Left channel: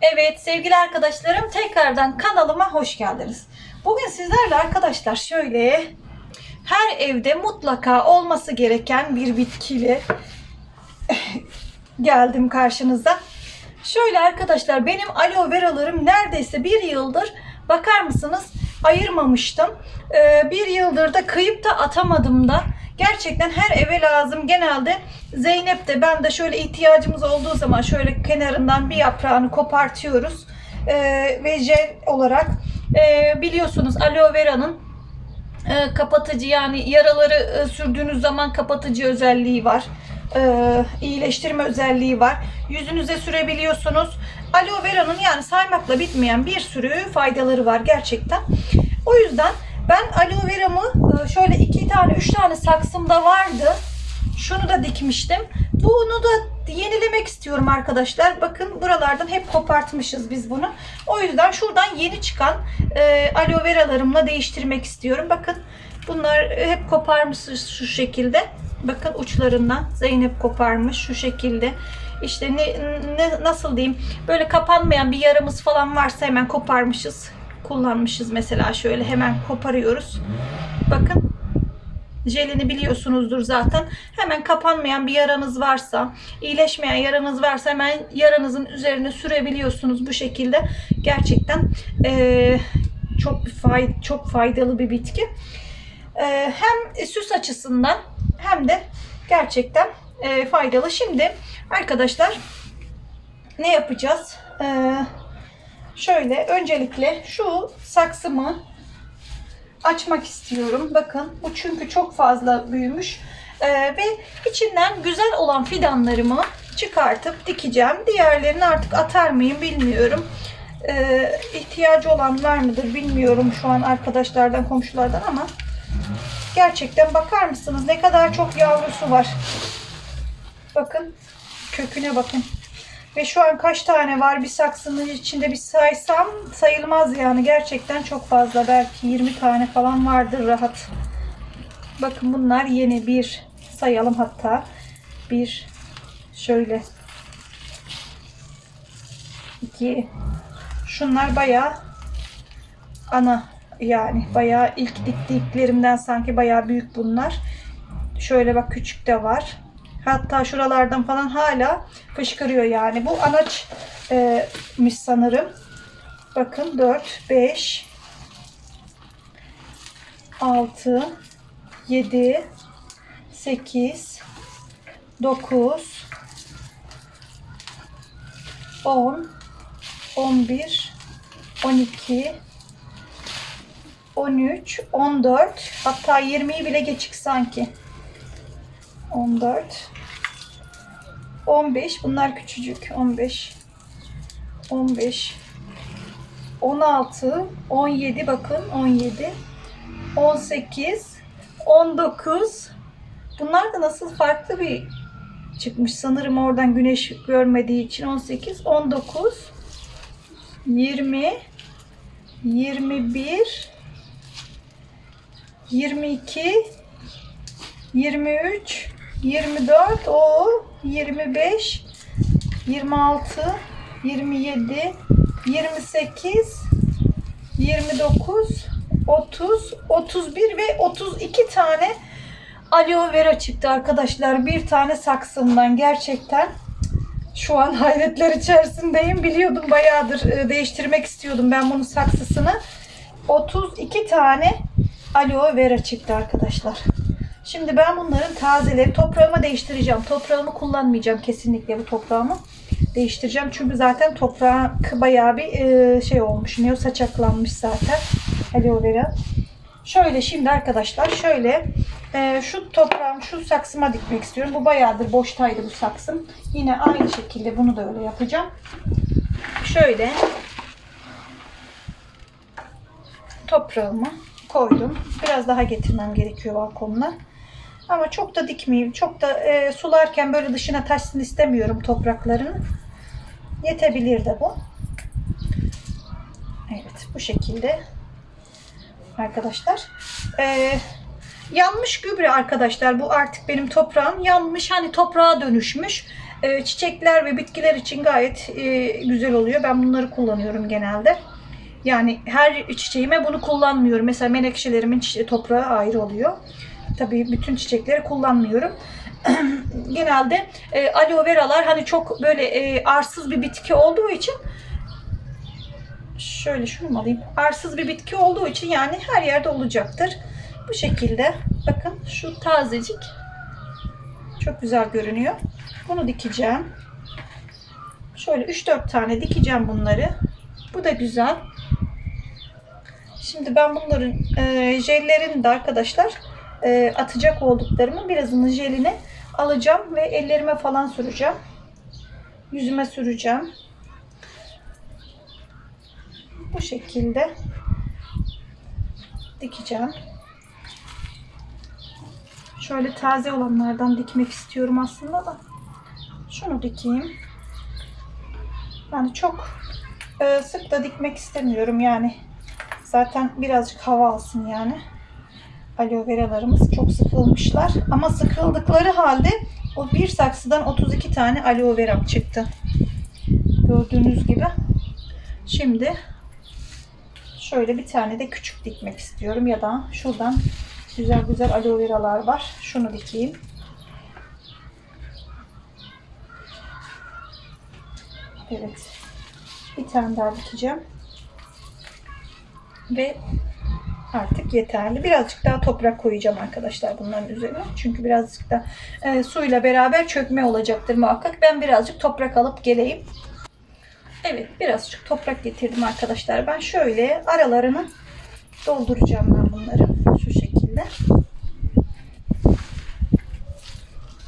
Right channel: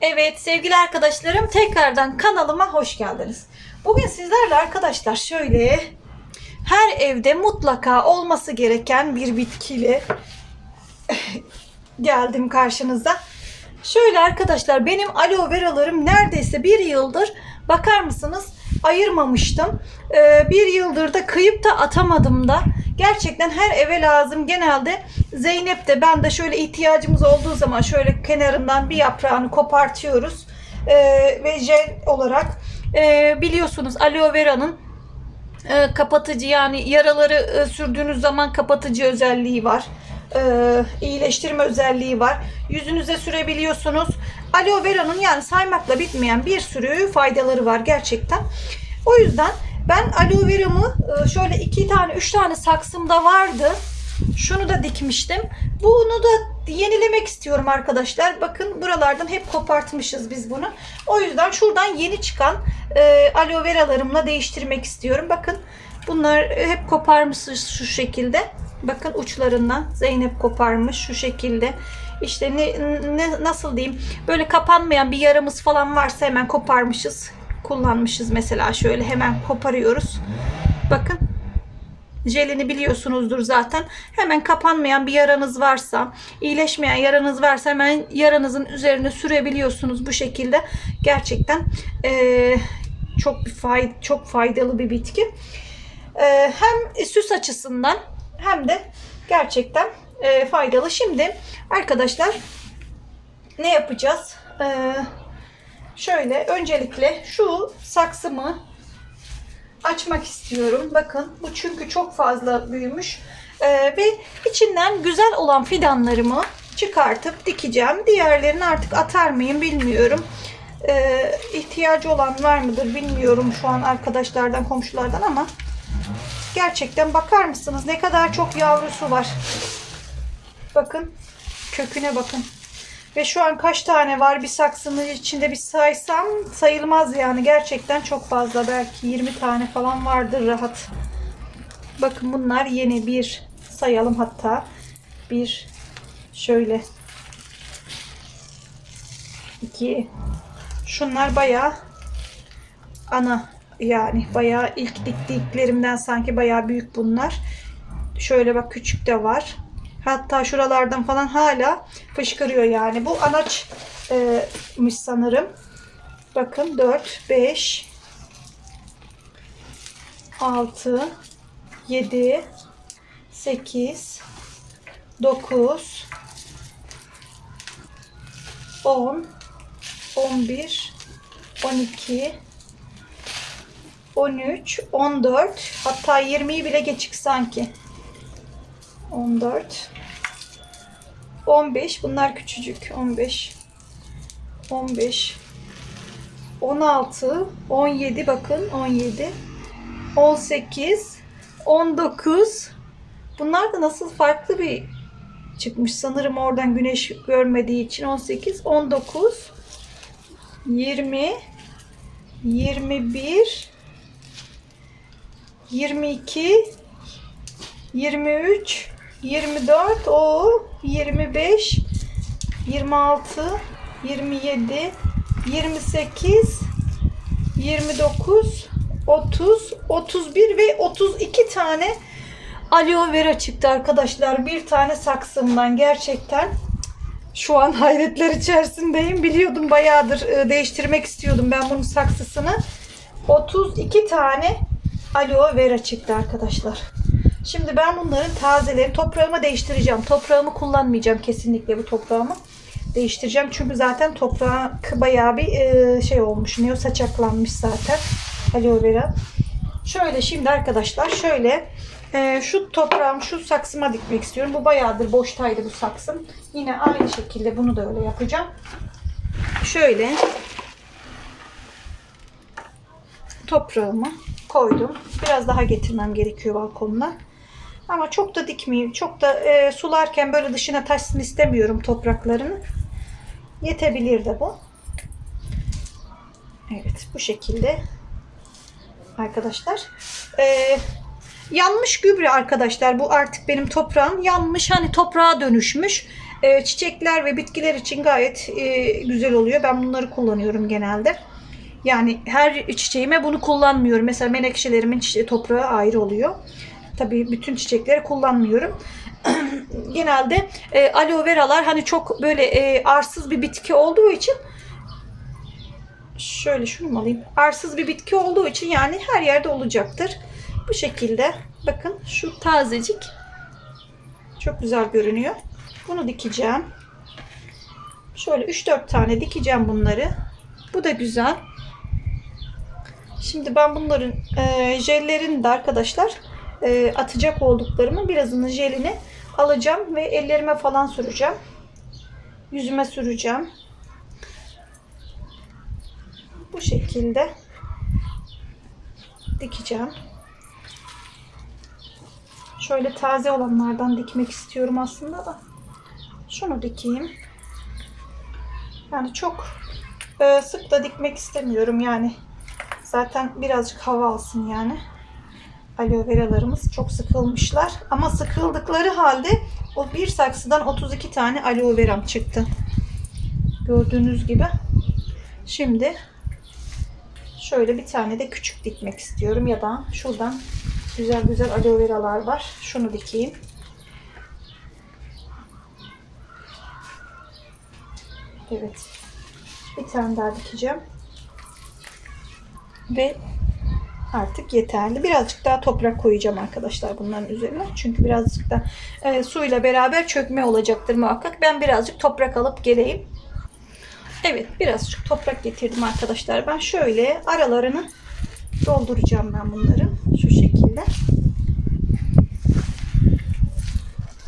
Evet sevgili arkadaşlarım tekrardan kanalıma hoş geldiniz. Bugün sizlerle arkadaşlar şöyle her evde mutlaka olması gereken bir bitkiyle geldim karşınıza. Şöyle arkadaşlar benim aloe veralarım neredeyse bir yıldır bakar mısınız ayırmamıştım. Ee, bir yıldır da kıyıp da atamadım da. Gerçekten her eve lazım. Genelde Zeynep de ben de şöyle ihtiyacımız olduğu zaman şöyle kenarından bir yaprağını kopartıyoruz. Ee, ve jel olarak e, biliyorsunuz aloe vera'nın e, kapatıcı yani yaraları e, sürdüğünüz zaman kapatıcı özelliği var. E, iyileştirme özelliği var. Yüzünüze sürebiliyorsunuz. Aloe vera'nın yani saymakla bitmeyen bir sürü faydaları var gerçekten. O yüzden ben aloe veramı e, şöyle iki tane üç tane saksımda vardı. Şunu da dikmiştim. Bunu da yenilemek istiyorum arkadaşlar. Bakın buralardan hep kopartmışız biz bunu. O yüzden şuradan yeni çıkan e, aloe veralarımla değiştirmek istiyorum. Bakın bunlar hep koparmışız şu şekilde. Bakın uçlarından Zeynep koparmış şu şekilde. İşte ne, ne nasıl diyeyim böyle kapanmayan bir yaramız falan varsa hemen koparmışız. Kullanmışız mesela şöyle hemen koparıyoruz. Bakın jelini biliyorsunuzdur zaten. Hemen kapanmayan bir yaranız varsa, iyileşmeyen yaranız varsa hemen yaranızın üzerine sürebiliyorsunuz bu şekilde. Gerçekten eee, çok bir fay çok faydalı bir bitki. Eee, hem süs açısından hem de gerçekten eee, faydalı. Şimdi arkadaşlar ne yapacağız? Eee, şöyle öncelikle şu saksımı açmak istiyorum. Bakın bu çünkü çok fazla büyümüş. Ee, ve içinden güzel olan fidanlarımı çıkartıp dikeceğim. Diğerlerini artık atar mıyım bilmiyorum. Ee, ihtiyacı olan var mıdır bilmiyorum şu an arkadaşlardan komşulardan ama gerçekten bakar mısınız ne kadar çok yavrusu var. Bakın köküne bakın. Ve şu an kaç tane var bir saksının içinde bir saysam sayılmaz yani gerçekten çok fazla belki 20 tane falan vardır rahat. Bakın bunlar yeni bir sayalım hatta bir şöyle iki şunlar bayağı ana yani bayağı ilk diktiklerimden sanki bayağı büyük bunlar. Şöyle bak küçük de var. Hatta şuralardan falan hala fışkırıyor yani. Bu anaçmış sanırım. Bakın 4, 5, 6, 7, 8, 9, 10, 11, 12, 13, 14 hatta 20'yi bile geçik sanki. 14 15 bunlar küçücük. 15 15 16 17 bakın 17 18 19 bunlar da nasıl farklı bir çıkmış? Sanırım oradan güneş görmediği için 18 19 20 21 22 23 24 o 25 26 27 28 29 30 31 ve 32 tane aloe vera çıktı arkadaşlar. Bir tane saksımdan gerçekten şu an hayretler içerisindeyim. Biliyordum bayağıdır e, değiştirmek istiyordum ben bunun saksısını. 32 tane aloe vera çıktı arkadaşlar. Şimdi ben bunların tazeleri toprağıma değiştireceğim. Toprağımı kullanmayacağım kesinlikle bu toprağımı. Değiştireceğim çünkü zaten toprağı bayağı bir e, şey olmuş. Ne saçaklanmış zaten aloe vera. Şöyle şimdi arkadaşlar şöyle e, şu toprağım şu saksıma dikmek istiyorum. Bu bayağıdır boştaydı bu saksım. Yine aynı şekilde bunu da öyle yapacağım. Şöyle toprağımı koydum. Biraz daha getirmem gerekiyor balkonuna. Ama çok da dikmeyeyim. Çok da e, sularken böyle dışına taşsın istemiyorum topraklarını. Yetebilir de bu. Evet bu şekilde. Arkadaşlar. E, yanmış gübre arkadaşlar. Bu artık benim toprağım. Yanmış hani toprağa dönüşmüş. e, çiçekler ve bitkiler için gayet e, güzel oluyor. Ben bunları kullanıyorum genelde. Yani her çiçeğime bunu kullanmıyorum. Mesela menekşelerimin toprağı ayrı oluyor. Tabii bütün çiçekleri kullanmıyorum. Genelde e, aloe veralar hani çok böyle e, arsız bir bitki olduğu için şöyle şunu alayım? Arsız bir bitki olduğu için yani her yerde olacaktır. Bu şekilde bakın şu tazecik çok güzel görünüyor. Bunu dikeceğim. Şöyle 3-4 tane dikeceğim bunları. Bu da güzel. Şimdi ben bunların e, jellerini de arkadaşlar e, atacak olduklarımı birazını jelini alacağım ve ellerime falan süreceğim. Yüzüme süreceğim. Bu şekilde dikeceğim. Şöyle taze olanlardan dikmek istiyorum aslında da. Şunu dikeyim. Yani çok e, sık da dikmek istemiyorum yani. Zaten birazcık hava alsın yani. Aloe veralarımız çok sıkılmışlar. Ama sıkıldıkları halde o bir saksıdan 32 tane aloe veram çıktı. Gördüğünüz gibi. Şimdi şöyle bir tane de küçük dikmek istiyorum ya da şuradan güzel güzel aloe veralar var. Şunu dikeyim. Evet. Bir tane daha dikeceğim. Ve artık yeterli. Birazcık daha toprak koyacağım arkadaşlar bunların üzerine. Çünkü birazcık da e, suyla beraber çökme olacaktır muhakkak. Ben birazcık toprak alıp geleyim. Evet birazcık toprak getirdim arkadaşlar. Ben şöyle aralarını dolduracağım ben bunları. Şu şekilde.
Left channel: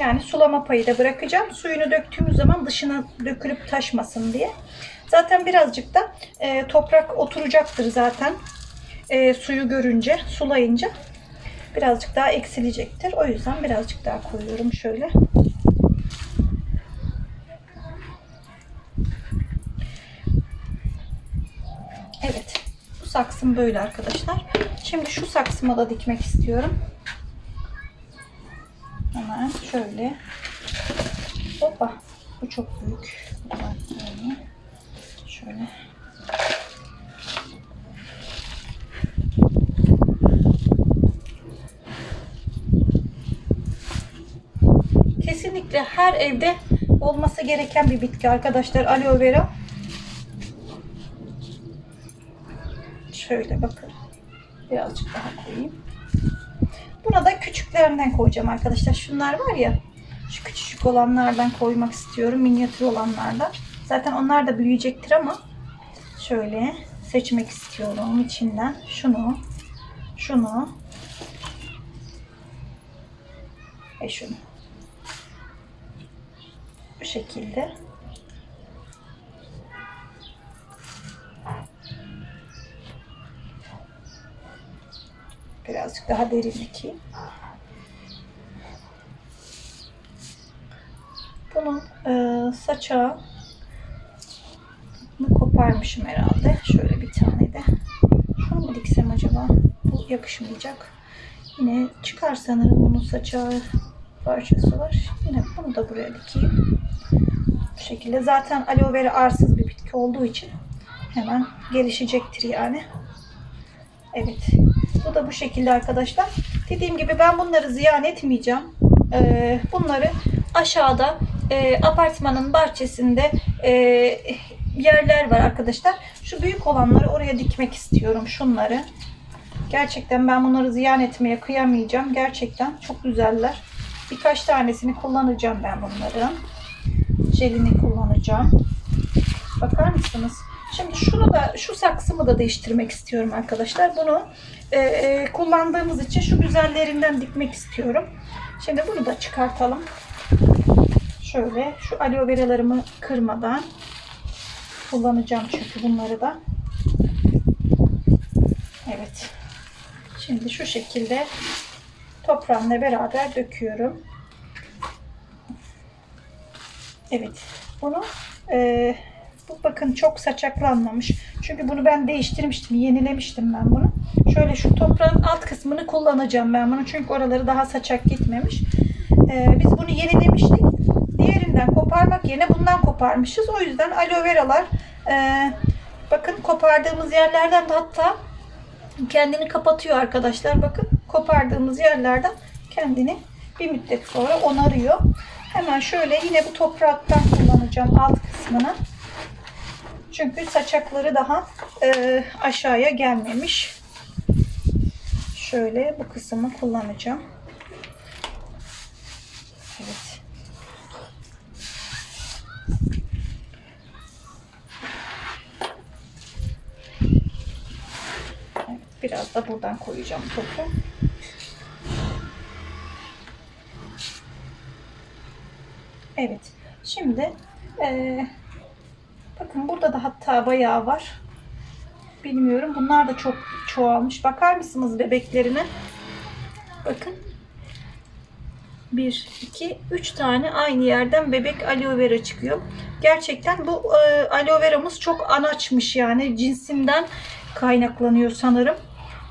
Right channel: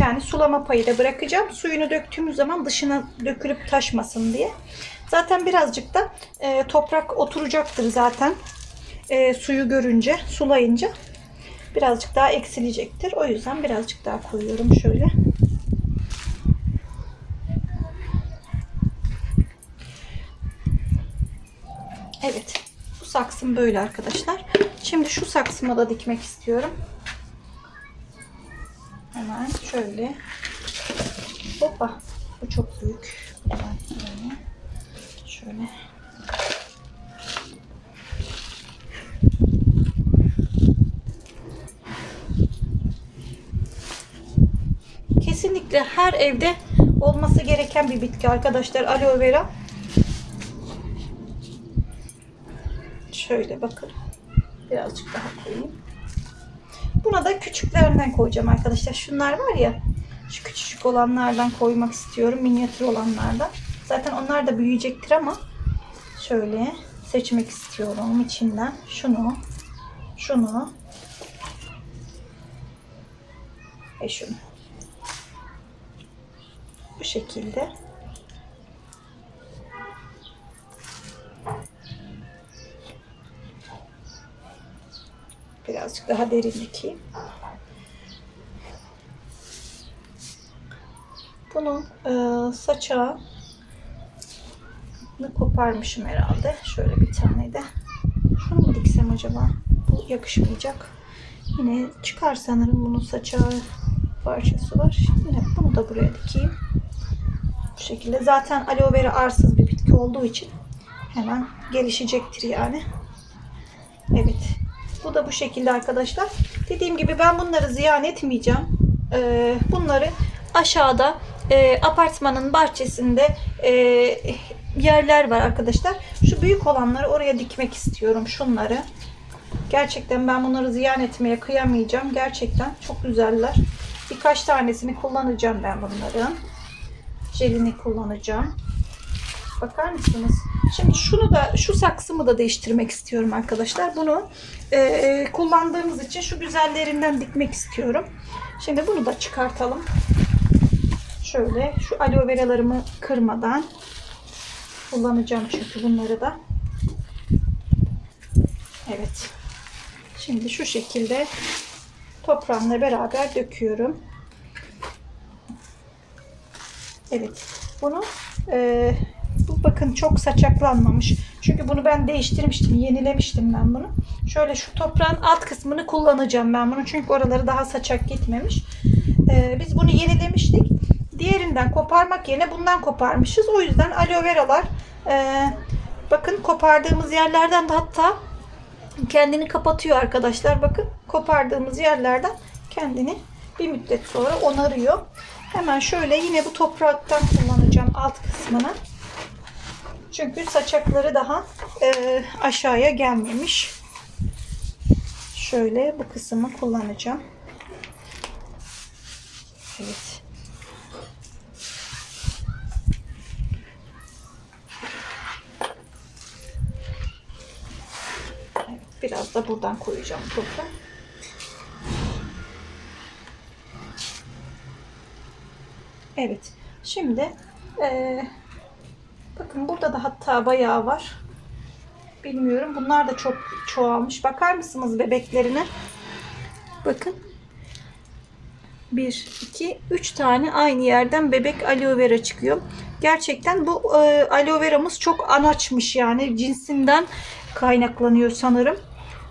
Yani sulama payı da bırakacağım. Suyunu döktüğümüz zaman dışına dökülüp taşmasın diye. Zaten birazcık da e, toprak oturacaktır zaten. E, suyu görünce, sulayınca birazcık daha eksilecektir. O yüzden birazcık daha koyuyorum şöyle. Evet. Bu saksım böyle arkadaşlar. Şimdi şu saksıma da dikmek istiyorum. Hemen şöyle. Hoppa. Bu çok büyük. Şöyle. Kesinlikle her evde olması gereken bir bitki arkadaşlar aloe vera. Şöyle bakın. Birazcık daha koyayım. Buna da küçüklerinden koyacağım arkadaşlar. Şunlar var ya. Şu küçücük olanlardan koymak istiyorum. Minyatür olanlardan. Zaten onlar da büyüyecektir ama şöyle seçmek istiyorum içinden. Şunu, şunu ve şunu. Şekilde. Birazcık daha derin dikeyim. Bunun e, saçağı koparmışım herhalde. Şöyle bir tane de. Şunu mu diksem acaba? Bu yakışmayacak. Yine çıkar sanırım bunun saçağı parçası var. Yine bunu da buraya dikeyim. Bu şekilde. Zaten aloe vera arsız bir bitki olduğu için hemen gelişecektir yani. Evet. Bu da bu şekilde arkadaşlar. Dediğim gibi ben bunları ziyan etmeyeceğim. Ee, bunları aşağıda e, apartmanın bahçesinde e, yerler var arkadaşlar. Şu büyük olanları oraya dikmek istiyorum. Şunları. Gerçekten ben bunları ziyan etmeye kıyamayacağım. Gerçekten çok güzeller. Birkaç tanesini kullanacağım ben bunların. Jelini kullanacağım. Bakar mısınız? Şimdi şunu da şu saksımı da değiştirmek istiyorum arkadaşlar. Bunu e, kullandığımız için şu güzellerinden dikmek istiyorum. Şimdi bunu da çıkartalım. Şöyle şu aloe veralarımı kırmadan kullanacağım çünkü bunları da. Evet. Şimdi şu şekilde toprağımla beraber döküyorum. Evet. Bunu e, bu bakın çok saçaklanmamış. Çünkü bunu ben değiştirmiştim. Yenilemiştim ben bunu. Şöyle şu toprağın alt kısmını kullanacağım ben bunu. Çünkü oraları daha saçak gitmemiş. Ee, biz bunu yenilemiştik. diğerinden koparmak yerine bundan koparmışız. O yüzden aloe veralar e, bakın kopardığımız yerlerden de hatta kendini kapatıyor arkadaşlar. Bakın kopardığımız yerlerden kendini bir müddet sonra onarıyor. Hemen şöyle yine bu topraktan kullanacağım alt kısmını. Çünkü saçakları daha e, aşağıya gelmemiş. Şöyle bu kısmı kullanacağım. Evet. Biraz da buradan koyacağım topu. Evet. Şimdi eee, bakın burada da hatta bayağı var. Bilmiyorum. Bunlar da çok çoğalmış. Bakar mısınız bebeklerine? Bakın. 1, 2, 3 tane aynı yerden bebek aloe vera çıkıyor. Gerçekten bu e, aloe veramız çok anaçmış yani cinsinden kaynaklanıyor sanırım.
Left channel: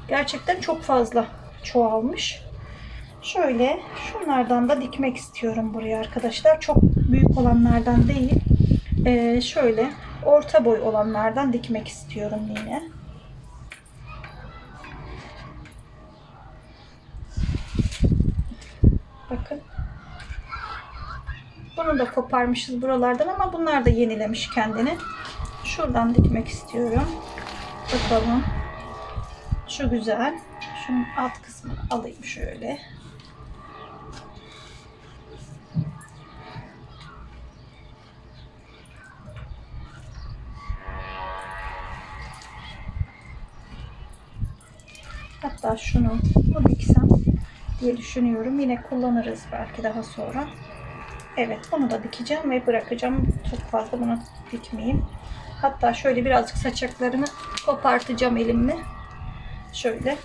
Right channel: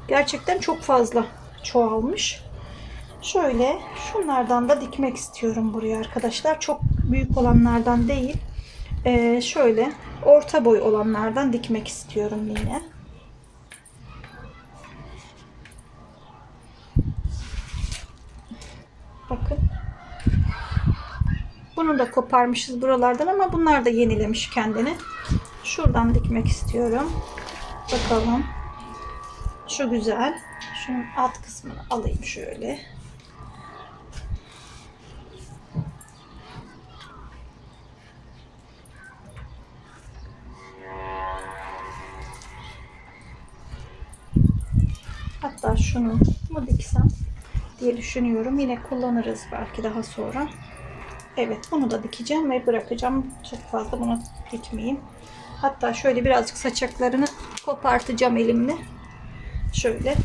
Gerçekten çok fazla çoğalmış. Şöyle şunlardan da dikmek istiyorum buraya arkadaşlar. Çok büyük olanlardan değil. E, şöyle orta boy olanlardan dikmek istiyorum yine. Bakın. Bunu da koparmışız buralardan ama bunlar da yenilemiş kendini. Şuradan dikmek istiyorum. Bakalım. Şu güzel. Şunun alt kısmını alayım şöyle. Şunu mu diksem diye düşünüyorum. Yine kullanırız belki daha sonra. Evet bunu da dikeceğim ve bırakacağım. Çok fazla bunu dikmeyeyim. Hatta şöyle birazcık saçaklarını kopartacağım elimle. Şöyle.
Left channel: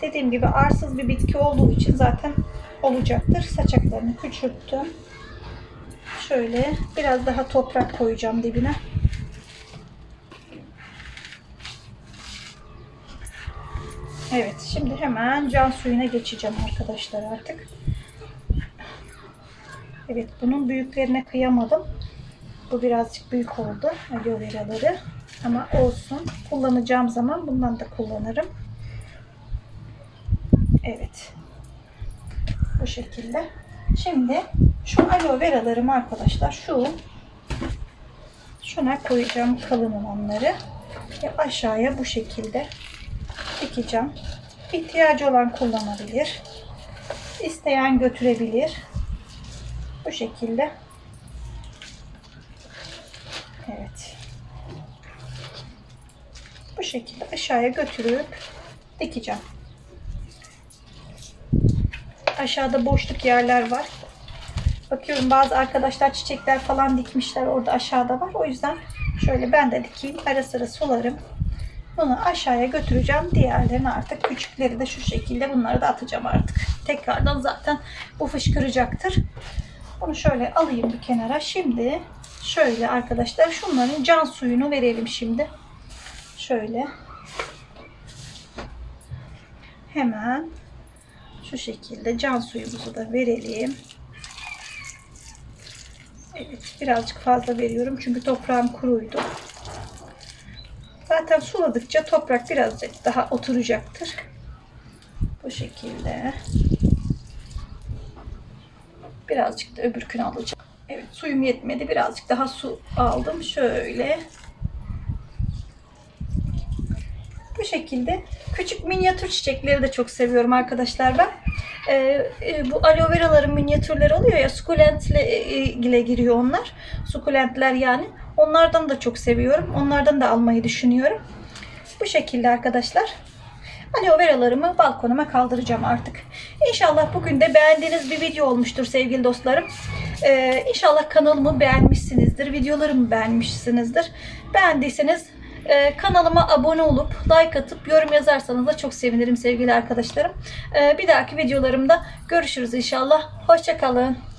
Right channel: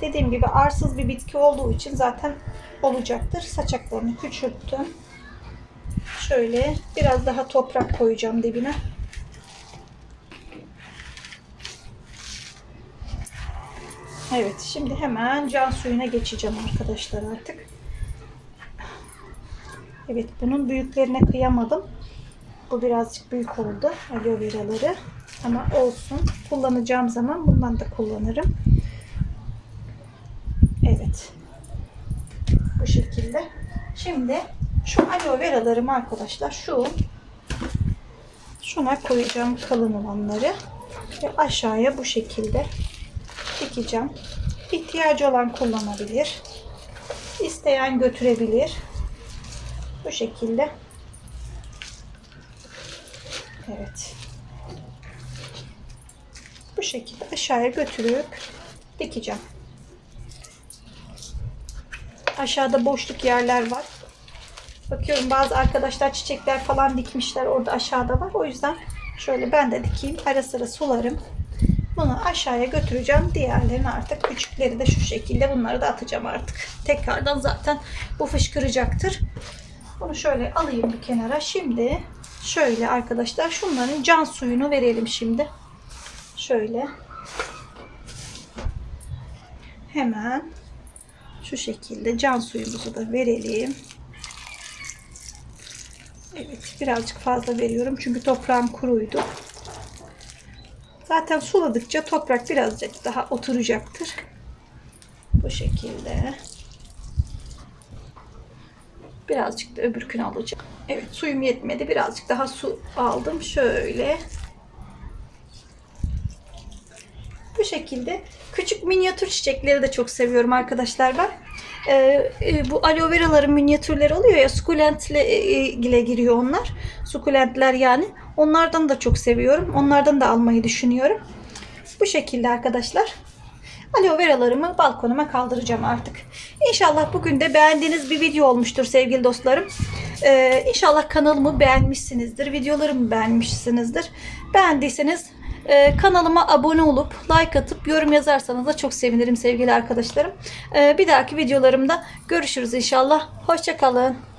Dediğim gibi arsız bir bitki olduğu için zaten olacaktır. Saçaklarını küçülttüm. Şöyle biraz daha toprak koyacağım dibine. Evet şimdi hemen can suyuna geçeceğim arkadaşlar artık. Evet bunun büyüklerine kıyamadım. Bu birazcık büyük oldu aloe veraları. Ama olsun. Kullanacağım zaman bundan da kullanırım. Evet. Bu şekilde. Şimdi şu aloe veralarımı arkadaşlar şu şuna koyacağım kalın olanları ve aşağıya bu şekilde dikeceğim. İhtiyacı olan kullanabilir. İsteyen götürebilir. Bu şekilde. Evet. Bu şekilde aşağıya götürüp dikeceğim. Aşağıda boşluk yerler var. Bakıyorum bazı arkadaşlar çiçekler falan dikmişler. Orada aşağıda var. O yüzden şöyle ben de dikeyim. Ara sıra sularım. Bunu aşağıya götüreceğim. Diğerlerini artık küçükleri de şu şekilde bunları da atacağım artık. Tekrardan zaten bu fışkıracaktır. Bunu şöyle alayım bir kenara. Şimdi şöyle arkadaşlar şunların can suyunu verelim şimdi. Şöyle. Hemen şu şekilde can suyumuzu da verelim. Evet birazcık fazla veriyorum çünkü toprağım kuruydu. Zaten suladıkça toprak birazcık daha oturacaktır. Bu şekilde. Birazcık da öbürkünü alacağım. Evet suyum yetmedi. Birazcık daha su aldım. Şöyle. Bu şekilde. Küçük minyatür çiçekleri de çok seviyorum arkadaşlar ben. Ee, e, bu aloe veraların minyatürleri oluyor ya sukulentle e, ile giriyor onlar. Sukulentler yani. Onlardan da çok seviyorum. Onlardan da almayı düşünüyorum. Bu şekilde arkadaşlar. Aloe veralarımı balkonuma kaldıracağım artık. İnşallah bugün de beğendiğiniz bir video olmuştur sevgili dostlarım. Ee, inşallah kanalımı beğenmişsinizdir. Videolarımı beğenmişsinizdir. Beğendiyseniz e, kanalıma abone olup like atıp yorum yazarsanız da çok sevinirim sevgili arkadaşlarım. Ee, bir dahaki videolarımda görüşürüz inşallah. Hoşçakalın.